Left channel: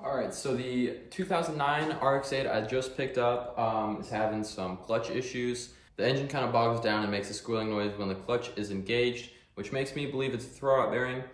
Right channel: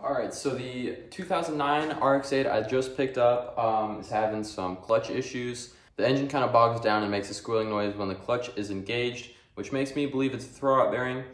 All right, so the 2009 RX-8 I just picked up is having some clutch issues. The engine kind of bogs down and makes a squealing noise when the clutch is engaged, which makes me believe it's a throwout bearing.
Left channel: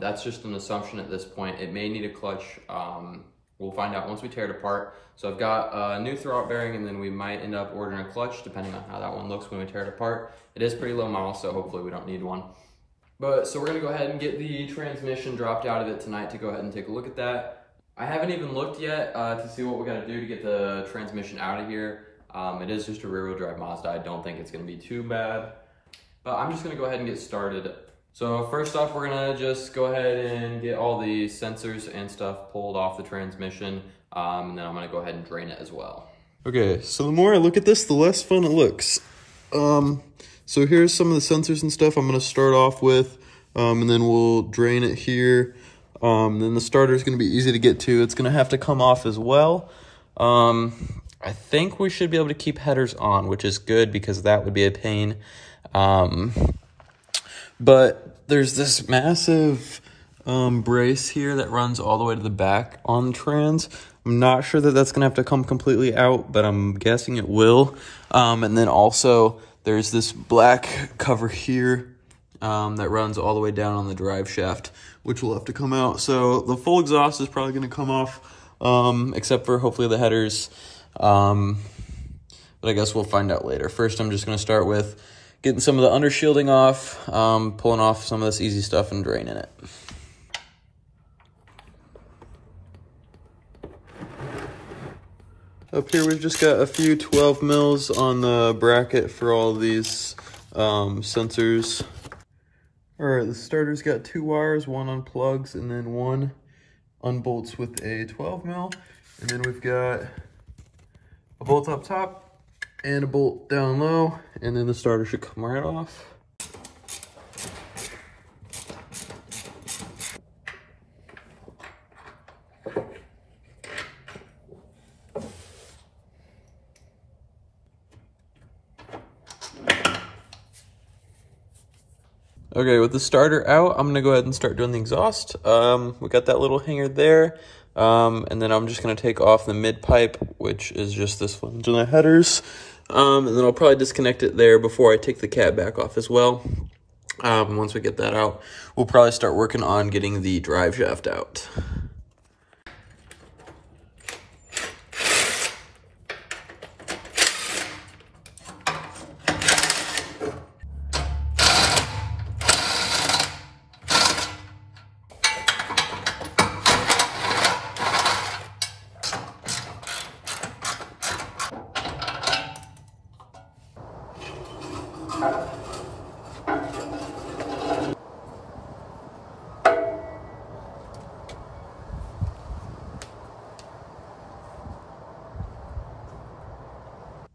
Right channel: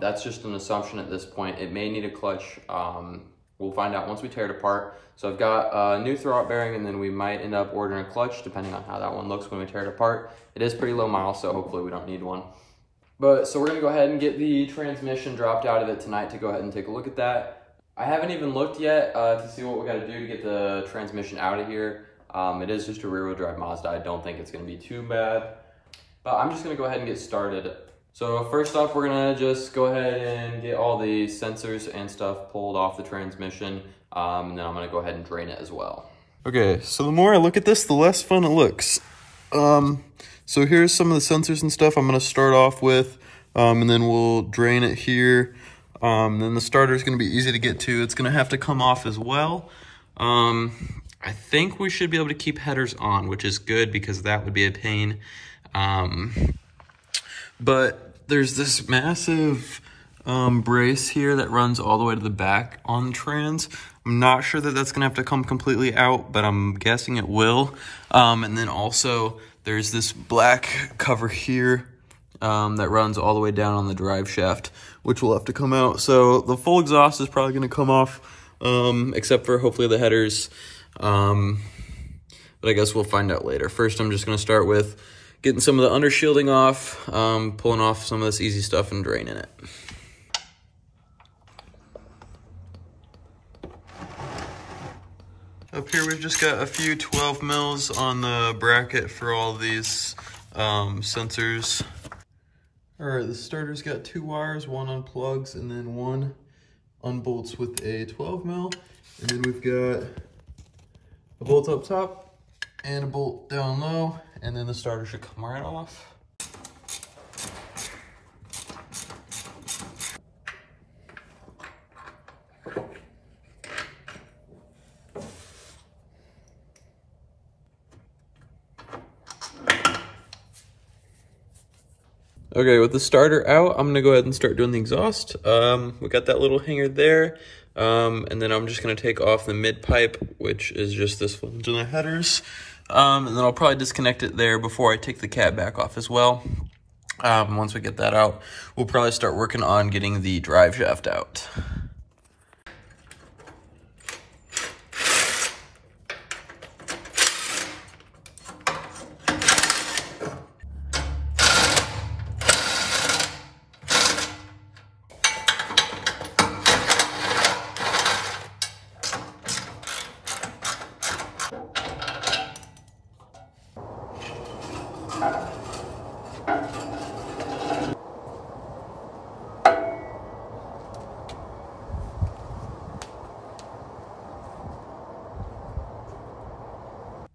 That's just an assumption at this point. It may need a clutch. We'll find out once we tear it apart. So I've got a new throwout bearing, and then we might end up ordering a clutch depending on how that one looks when we tear it apart. It is pretty low model, so hopefully we don't need one. So we're gonna go ahead and get the transmission dropped out of it tonight to go ahead and take a look at that. I haven't even looked yet to see what we gotta do to get the transmission out of here. It is just a rear wheel drive Mazda. I don't think it's gonna be too bad, but I'm just gonna go ahead and get started. So first off, we're gonna just go ahead and get all the sensors and stuff pulled off the transmission, and then I'm gonna go ahead and drain it as well. Okay, so the more I look at this, the less fun it looks. So here's some of the sensors and stuff I'm gonna start off with, and then we'll drain it here. Then the starter is gonna be easy to get to. It's gonna have to come off as well. I think we should be able to keep headers on, which is good because that would be a pain. But there's this massive brace here that runs all the way to the back on the trans. I'm not sure that that's gonna have to come completely out, but I'm guessing it will. And then also there's this black cover here that runs all the way down on the drive shaft, which will have to come out. So the full exhaust is probably gonna come off, except for hopefully the headers. But I guess we'll find out later. First, I'm just gonna start with getting some of the undershielding off, pulling off some of this easy stuff and draining it. Up here, we've just got a few 12 mils on the bracket for all these sensors. All right, the starter's got 2 wires, one unplugs and then one unbolts with a 12 mil. And then we've got a bolt up top and a bolt down low, and then the starter should come right off. Okay, with the starter out, I'm gonna go ahead and start doing the exhaust. We got that little hanger there. And then I'm just gonna take off the mid pipe, which is just this flange and the headers. And then I'll probably disconnect it there before I take the cab back off as well. Once we get that out, we'll probably start working on getting the drive shaft out.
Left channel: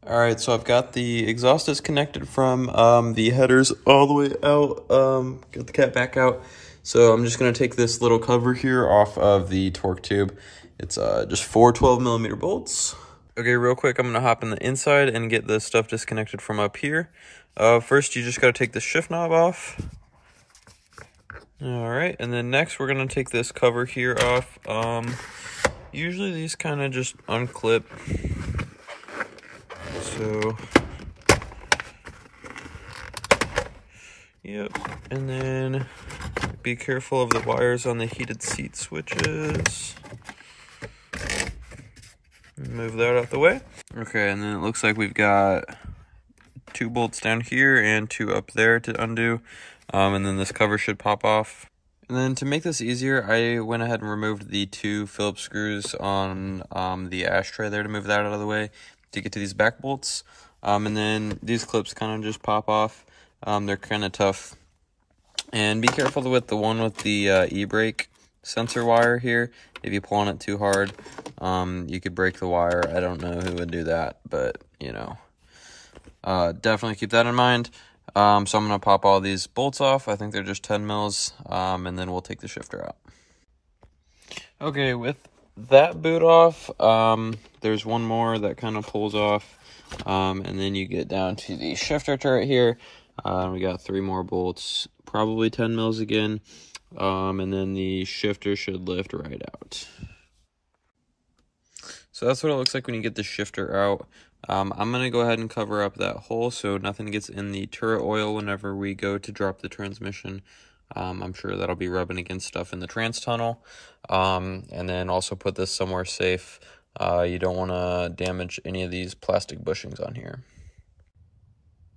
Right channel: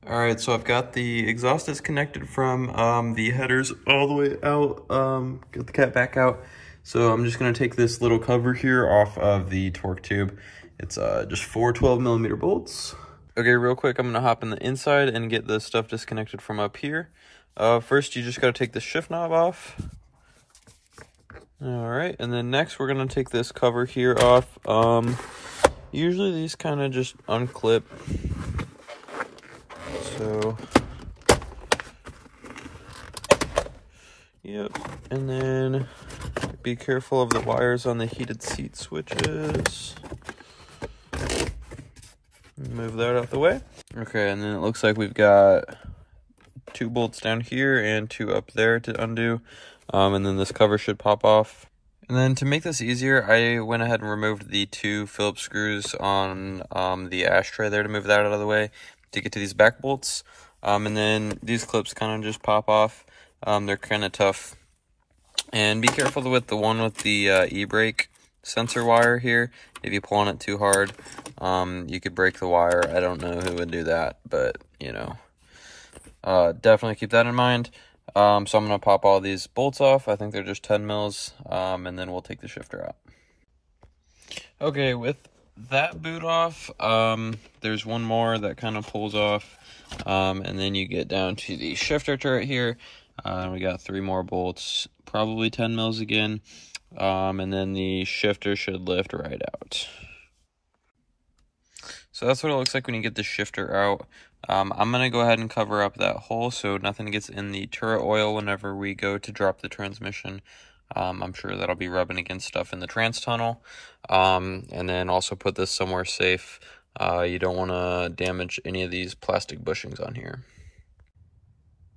All right, so I've got the exhaust disconnected from the headers all the way out, get the cap back out. So I'm just gonna take this little cover here off of the torque tube. It's just 4 12mm bolts. Okay, real quick, I'm gonna hop in the inside and get the stuff disconnected from up here. First, you just gotta take the shift knob off. All right, and then next we're gonna take this cover here off. Usually these kind of just unclip. So, yep, and then be careful of the wires on the heated seat switches. Move that out the way. Okay, and then it looks like we've got 2 bolts down here and 2 up there to undo. And then this cover should pop off. And then to make this easier, I went ahead and removed the 2 Phillips screws on the ashtray there to move that out of the way to get to these back bolts. And then these clips kind of just pop off. They're kind of tough. And be careful with the one with the e-brake sensor wire here. If you pull on it too hard, you could break the wire. I don't know who would do that, but you know, definitely keep that in mind. So I'm going to pop all these bolts off. I think they're just 10 mils, and then we'll take the shifter out. Okay, with that boot off, there's one more that kind of pulls off, and then you get down to the shifter turret here. We got 3 more bolts, probably 10 mils again, and then the shifter should lift right out. So that's what it looks like when you get the shifter out. I'm going to go ahead and cover up that hole so nothing gets in the turret oil whenever we go to drop the transmission. I'm sure that'll be rubbing against stuff in the trans tunnel. And then also put this somewhere safe. You don't want to damage any of these plastic bushings on here.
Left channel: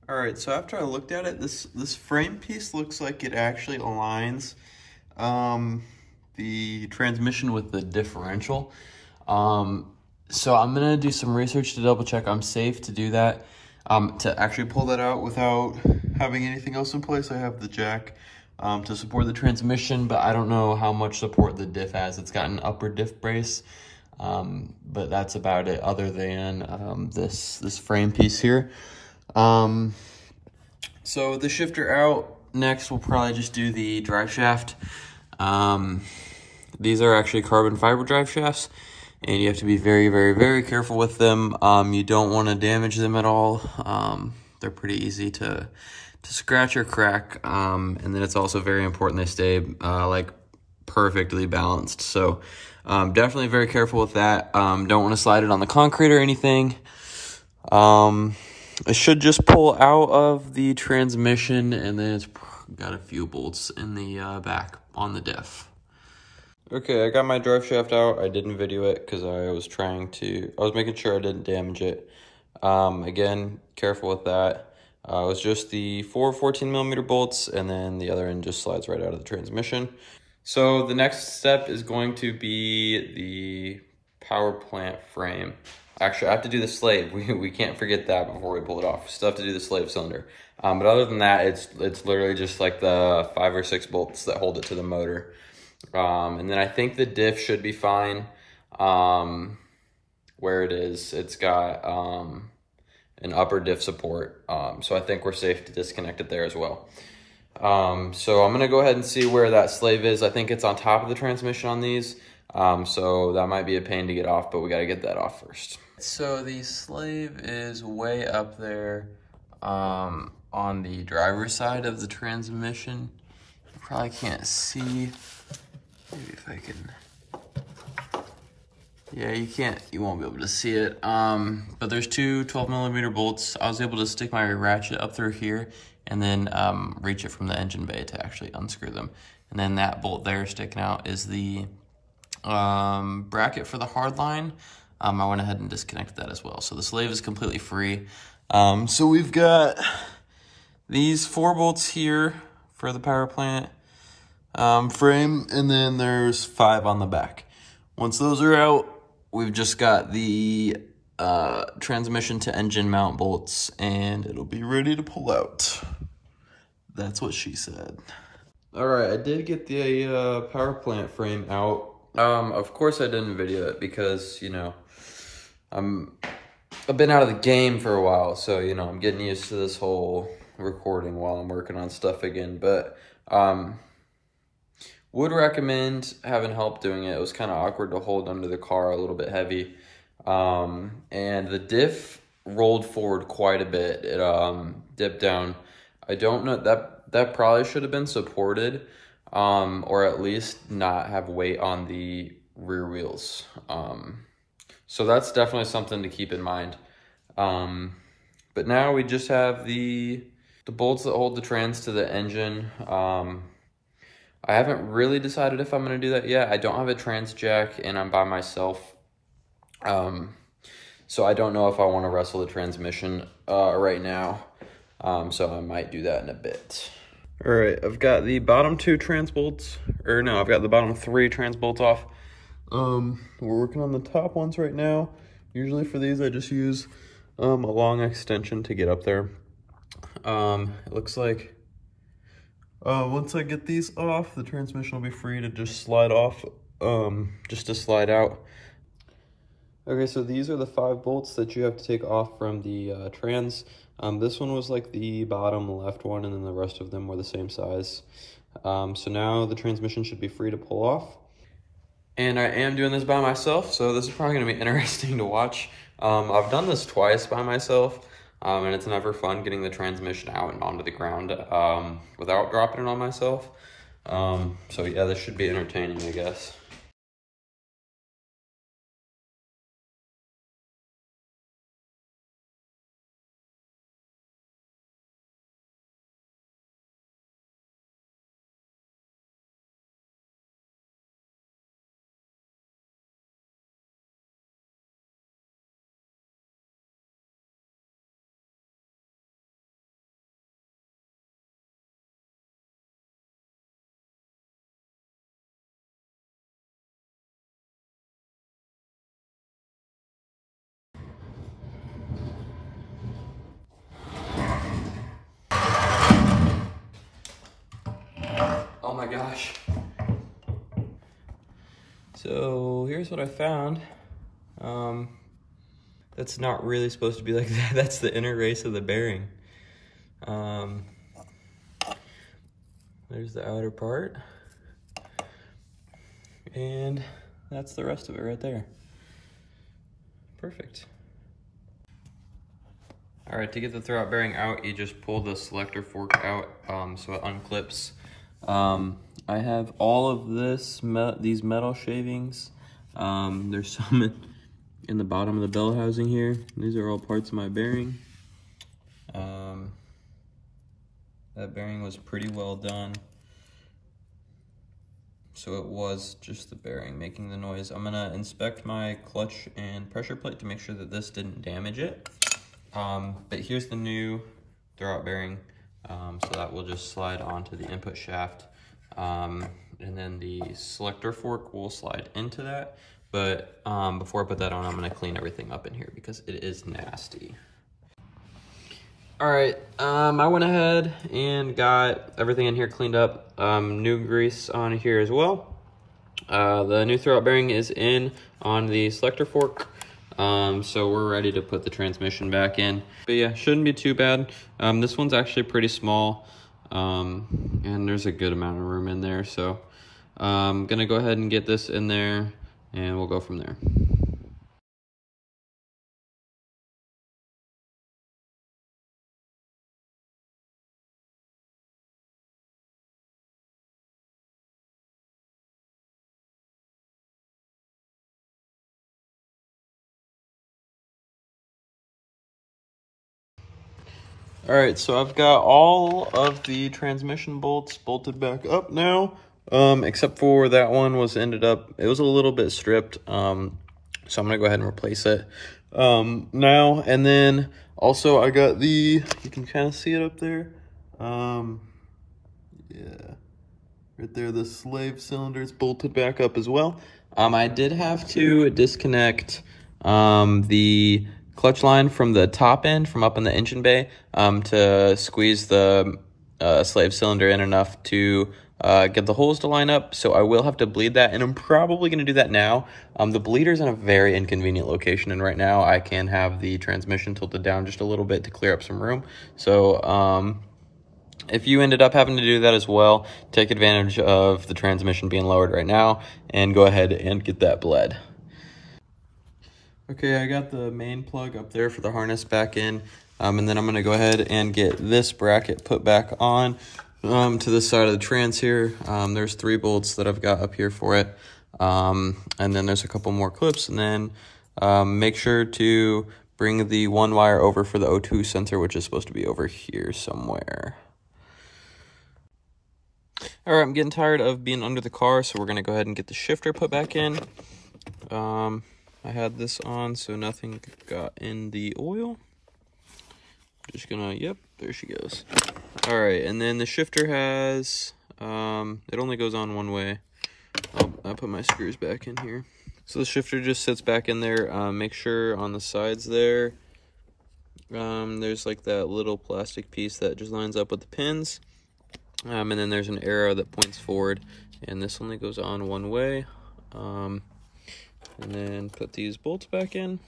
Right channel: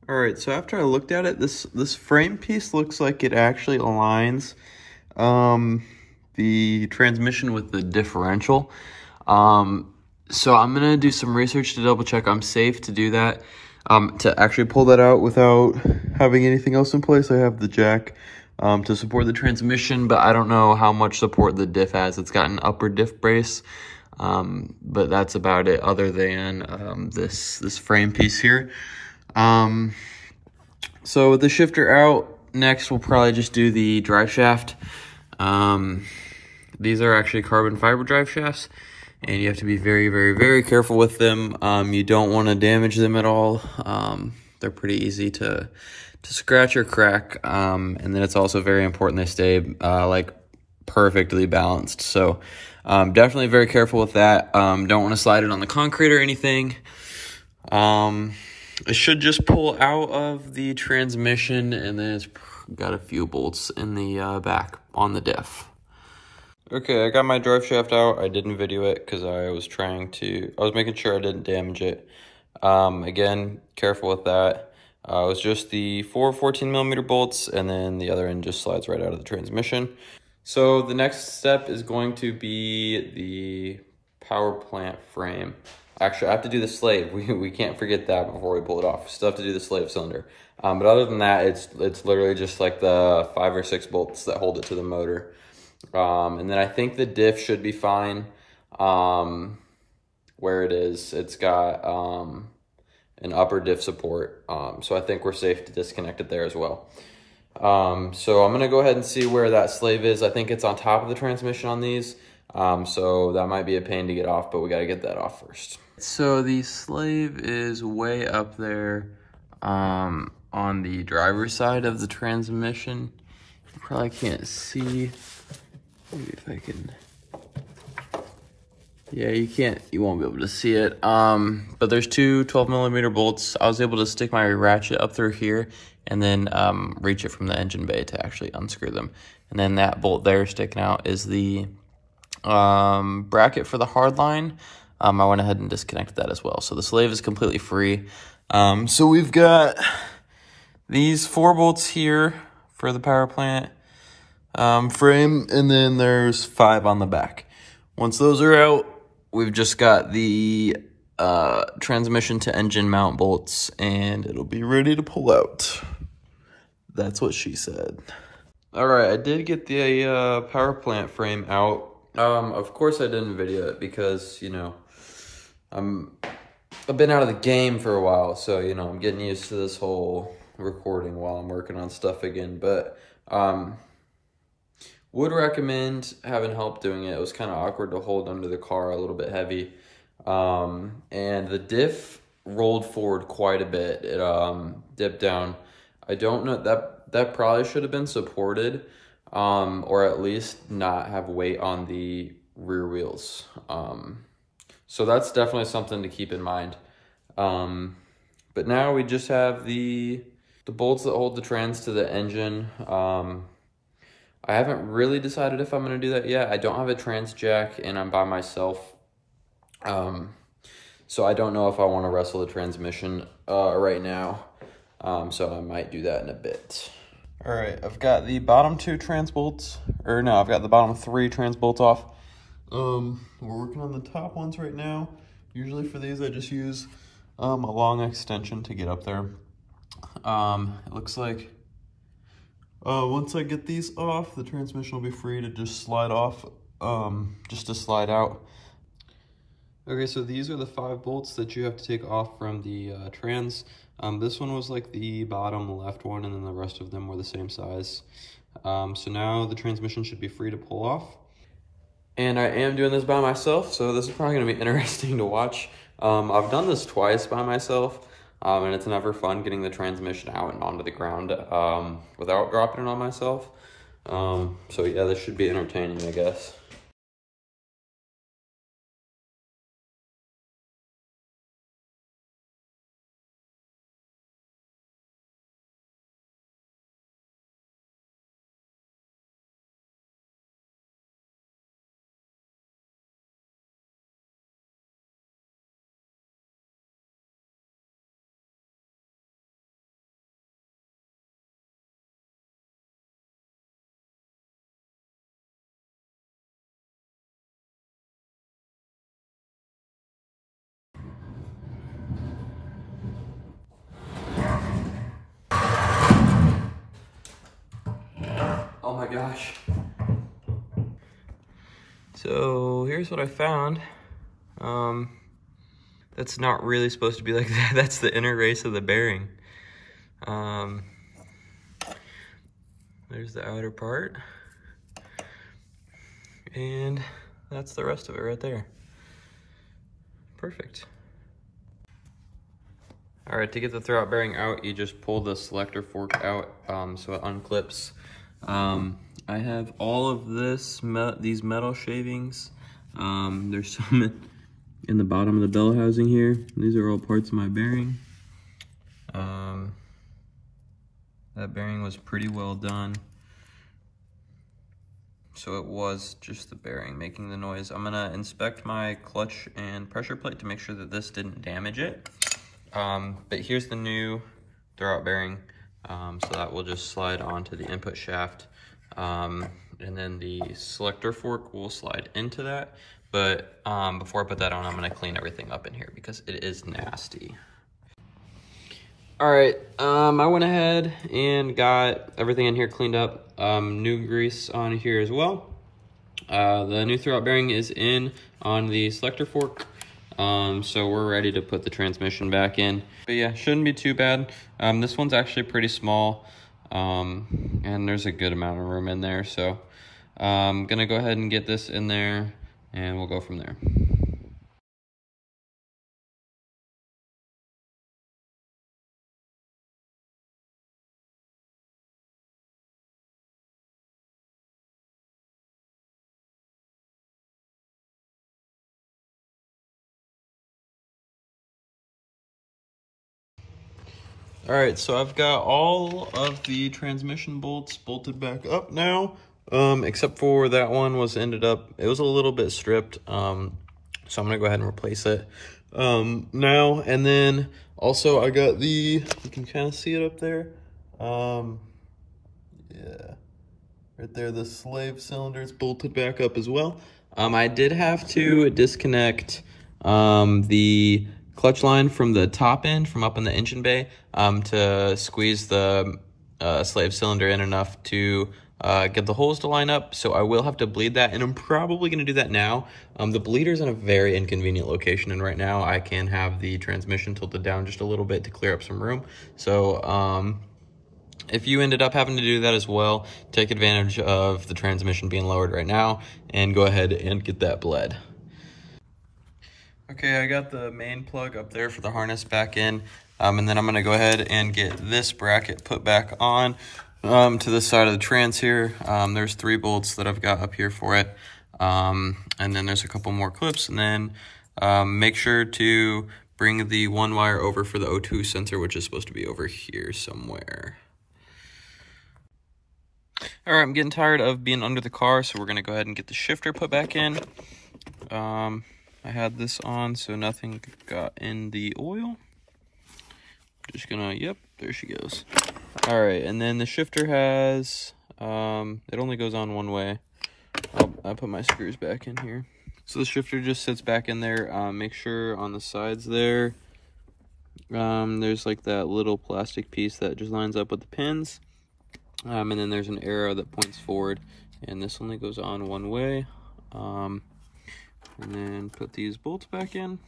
All right, so after I looked at it, this frame piece looks like it actually aligns the transmission with the differential. So I'm gonna do some research to double check I'm safe to do that. To actually pull that out without having anything else in place. I have the jack to support the transmission, but I don't know how much support the diff has. It's got an upper diff brace, but that's about it other than this frame piece here. So with the shifter out, next we'll probably just do the drive shaft. These are actually carbon fiber drive shafts, and you have to be very, very, very careful with them. You don't want to damage them at all. They're pretty easy to scratch or crack. And then it's also very important they stay like perfectly balanced. So definitely very careful with that. Don't want to slide it on the concrete or anything. It should just pull out of the transmission, and then it's got a few bolts in the back on the diff. Okay, I got my drive shaft out. I didn't video it because I was making sure I didn't damage it. Again, careful with that. It was just the 4 14mm bolts, and then the other end just slides right out of the transmission. So the next step is going to be the power plant frame. Actually, I have to do the slave. We can't forget that before we pull it off. We still have to do the slave cylinder. But other than that, it's literally just like the 5 or 6 bolts that hold it to the motor. And then I think the diff should be fine. Where it is, it's got an upper diff support. So I think we're safe to disconnect it there as well. So I'm gonna go ahead and see where that slave is. I think it's on top of the transmission on these. So that might be a pain to get off, but we gotta get that off first. So the slave is way up there on the driver's side of the transmission. You probably can't see. Maybe if I can. Yeah, you won't be able to see it. But there's two 12mm bolts. I was able to stick my ratchet up through here and then reach it from the engine bay to actually unscrew them. And then that bolt there sticking out is the bracket for the hard line. I went ahead and disconnected that as well. So the slave is completely free. So we've got these 4 bolts here for the power plant frame, and then there's 5 on the back. Once those are out, we've just got the transmission to engine mount bolts, and it'll be ready to pull out. That's what she said. All right, I did get the power plant frame out. Of course I didn't video it because, you know, I've been out of the game for a while, so, you know, I'm getting used to this whole recording while I'm working on stuff again, but would recommend having help doing it. It was kind of awkward to hold under the car, a little bit heavy, and the diff rolled forward quite a bit. It dipped down. I don't know, that probably should have been supported, or at least not have weight on the rear wheels. So that's definitely something to keep in mind. But now we just have the bolts that hold the trans to the engine. I haven't really decided if I'm going to do that yet. I don't have a trans jack and I'm by myself. So I don't know if I want to wrestle the transmission right now. So I might do that in a bit. All right, I've got the bottom 2 trans bolts, or no, I've got the bottom 3 trans bolts off. We're working on the top ones right now. Usually for these, I just use a long extension to get up there. It looks like once I get these off, the transmission will be free to just slide off, just to slide out. Okay, so these are the 5 bolts that you have to take off from the trans. This one was like the bottom left one, and then the rest of them were the same size. So now the transmission should be free to pull off. And I am doing this by myself, so this is probably gonna be interesting to watch. I've done this twice by myself, and it's never fun getting the transmission out and onto the ground without dropping it on myself. So yeah, this should be entertaining, I guess. Oh my gosh. So here's what I found. That's not really supposed to be like that. That's the inner race of the bearing. There's the outer part. And that's the rest of it right there. Perfect. All right, to get the throwout bearing out, you just pull the selector fork out so it unclips. I have all of these metal shavings. There's some in the bottom of the bell housing here. These are all parts of my bearing. That bearing was pretty well done. So it was just the bearing making the noise. I'm gonna inspect my clutch and pressure plate to make sure that this didn't damage it. But here's the new throwout bearing. So that will just slide onto the input shaft. And then the selector fork will slide into that. But before I put that on, I'm gonna clean everything up in here because it is nasty. All right, I went ahead and got everything in here cleaned up. New grease on here as well. The new throwout bearing is in on the selector fork. So we're ready to put the transmission back in. But yeah, shouldn't be too bad. This one's actually pretty small. And there's a good amount of room in there. So I'm gonna go ahead and get this in there and we'll go from there. All right, so I've got all of the transmission bolts bolted back up now, except for that one it was a little bit stripped, so I'm gonna go ahead and replace it now. And then also I got you can kind of see it up there, yeah, right there, the slave cylinder's bolted back up as well. I did have to disconnect the clutch line from the top end, from up in the engine bay, to squeeze the slave cylinder in enough to get the holes to line up. So I will have to bleed that, and I'm probably going to do that now. The bleeder's in a very inconvenient location, and right now I can have the transmission tilted down just a little bit to clear up some room. So if you ended up having to do that as well, take advantage of the transmission being lowered right now and go ahead and get that bled. Okay, I got the main plug up there for the harness back in, and then I'm gonna go ahead and get this bracket put back on to the side of the trans here. There's 3 bolts that I've got up here for it, and then there's a couple more clips, and then make sure to bring the 1 wire over for the O2 sensor, which is supposed to be over here somewhere. All right, I'm getting tired of being under the car, so we're gonna go ahead and get the shifter put back in. I had this on so nothing got in the oil. Just gonna, yep, there she goes. All right, and then the shifter has, it only goes on one way. I'll put my screws back in here. So the shifter just sits back in there. Make sure on the sides there, there's like that little plastic piece that just lines up with the pins. And then there's an arrow that points forward, and this only goes on one way. And then put these bolts back in.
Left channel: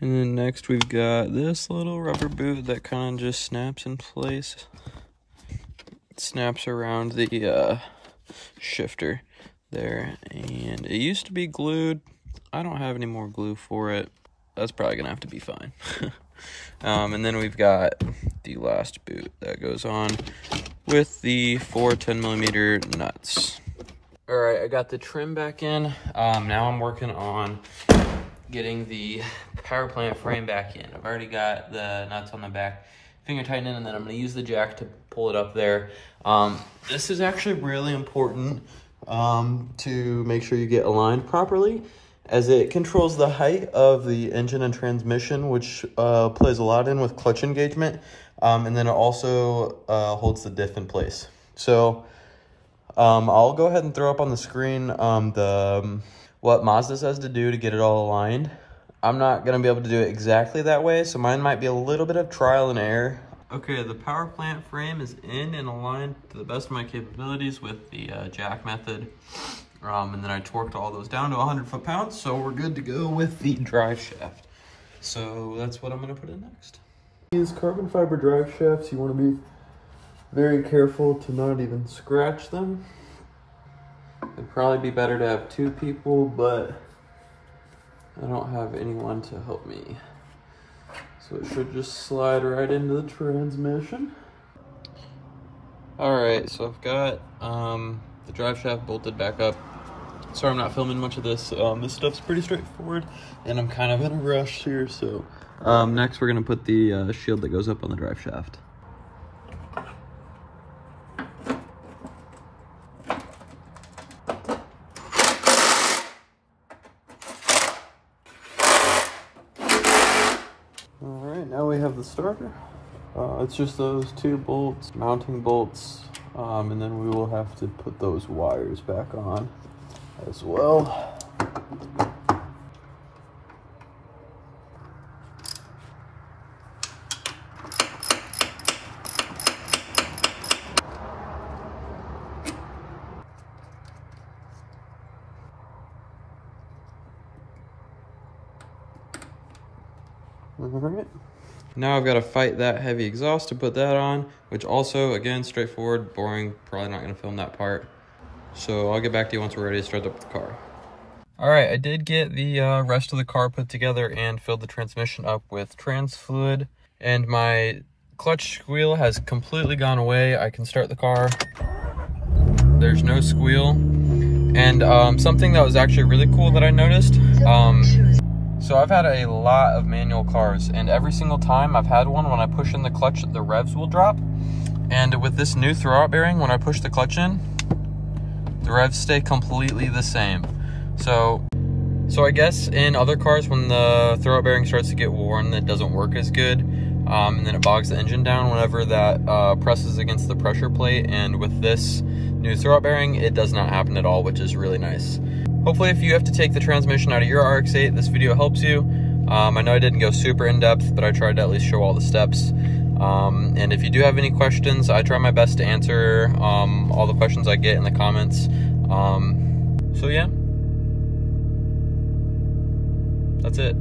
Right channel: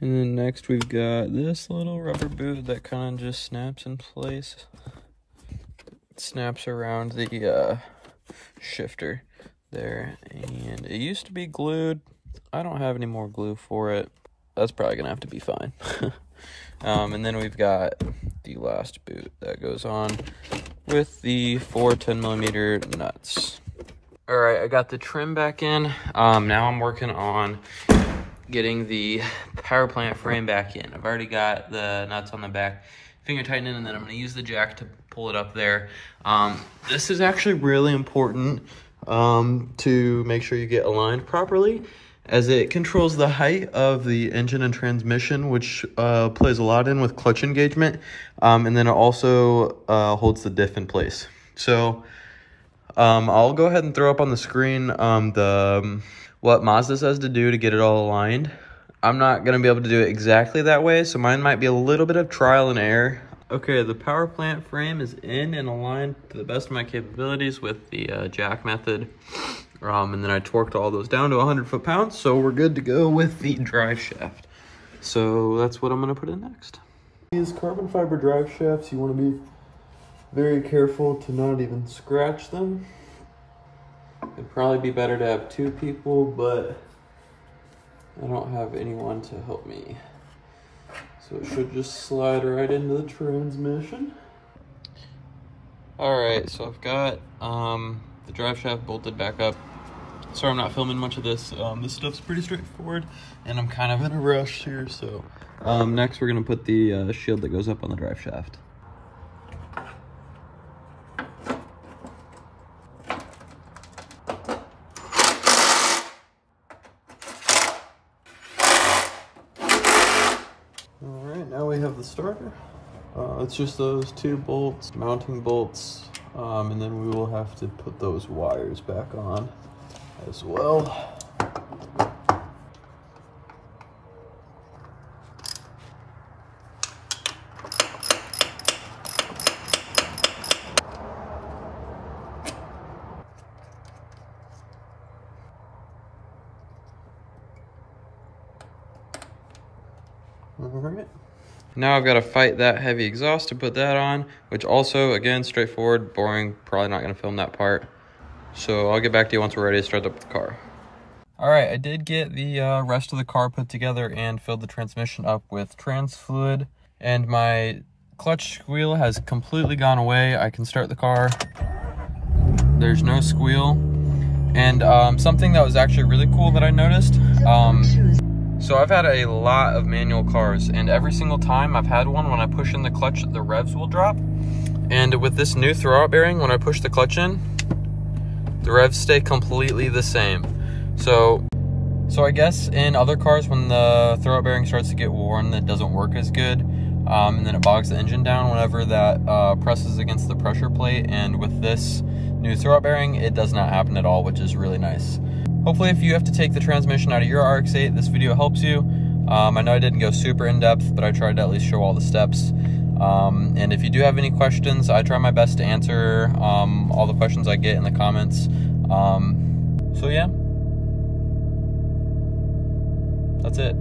And then next we've got this little rubber boot that kind of just snaps in place. It snaps around the shifter there, and it used to be glued. I don't have any more glue for it. That's probably gonna have to be fine. And then we've got the last boot that goes on with the 4 10mm nuts. All right, I got the trim back in. Now I'm working on getting the power plant frame back in. I've already got the nuts on the back, finger tightening, and then I'm gonna use the jack to pull it up there. This is actually really important to make sure you get aligned properly, as it controls the height of the engine and transmission, which plays a lot in with clutch engagement. And then it also holds the diff in place. So I'll go ahead and throw up on the screen what Mazda says to do to get it all aligned. I'm not going to be able to do it exactly that way, so mine might be a little bit of trial and error. Okay, the power plant frame is in and aligned to the best of my capabilities with the jack method. And then I torqued all those down to 100 foot-pounds, so we're good to go with the drive shaft. So that's what I'm gonna put in next. These carbon fiber drive shafts, you wanna be very careful to not even scratch them. It'd probably be better to have 2 people, but I don't have anyone to help me. So it should just slide right into the transmission. All right, so I've got the drive shaft bolted back up. Sorry I'm not filming much of this. This stuff's pretty straightforward and I'm kind of in a rush here. So next we're gonna put the shield that goes up on the drive shaft. All right, now we have the starter. It's just those 2 bolts, mounting bolts, and then we will have to put those wires back on as well. All right. Now I've got to fight that heavy exhaust to put that on, which also, again, straightforward, boring, probably not going to film that part. So I'll get back to you once we're ready to start up the car. All right, I did get the rest of the car put together and filled the transmission up with trans fluid, and my clutch squeal has completely gone away. I can start the car. There's no squeal. And something that was actually really cool that I noticed, so I've had a lot of manual cars, and every single time I've had one, when I push in the clutch, the revs will drop. And with this new throwout bearing, when I push the clutch in, the revs stay completely the same. So I guess in other cars, when the throwout bearing starts to get worn, it doesn't work as good. And then it bogs the engine down whenever that presses against the pressure plate. And with this new throwout bearing, it does not happen at all, which is really nice. Hopefully, if you have to take the transmission out of your RX-8, this video helps you. I know I didn't go super in-depth, but I tried to at least show all the steps. And if you do have any questions, I try my best to answer all the questions I get in the comments. So yeah, that's it.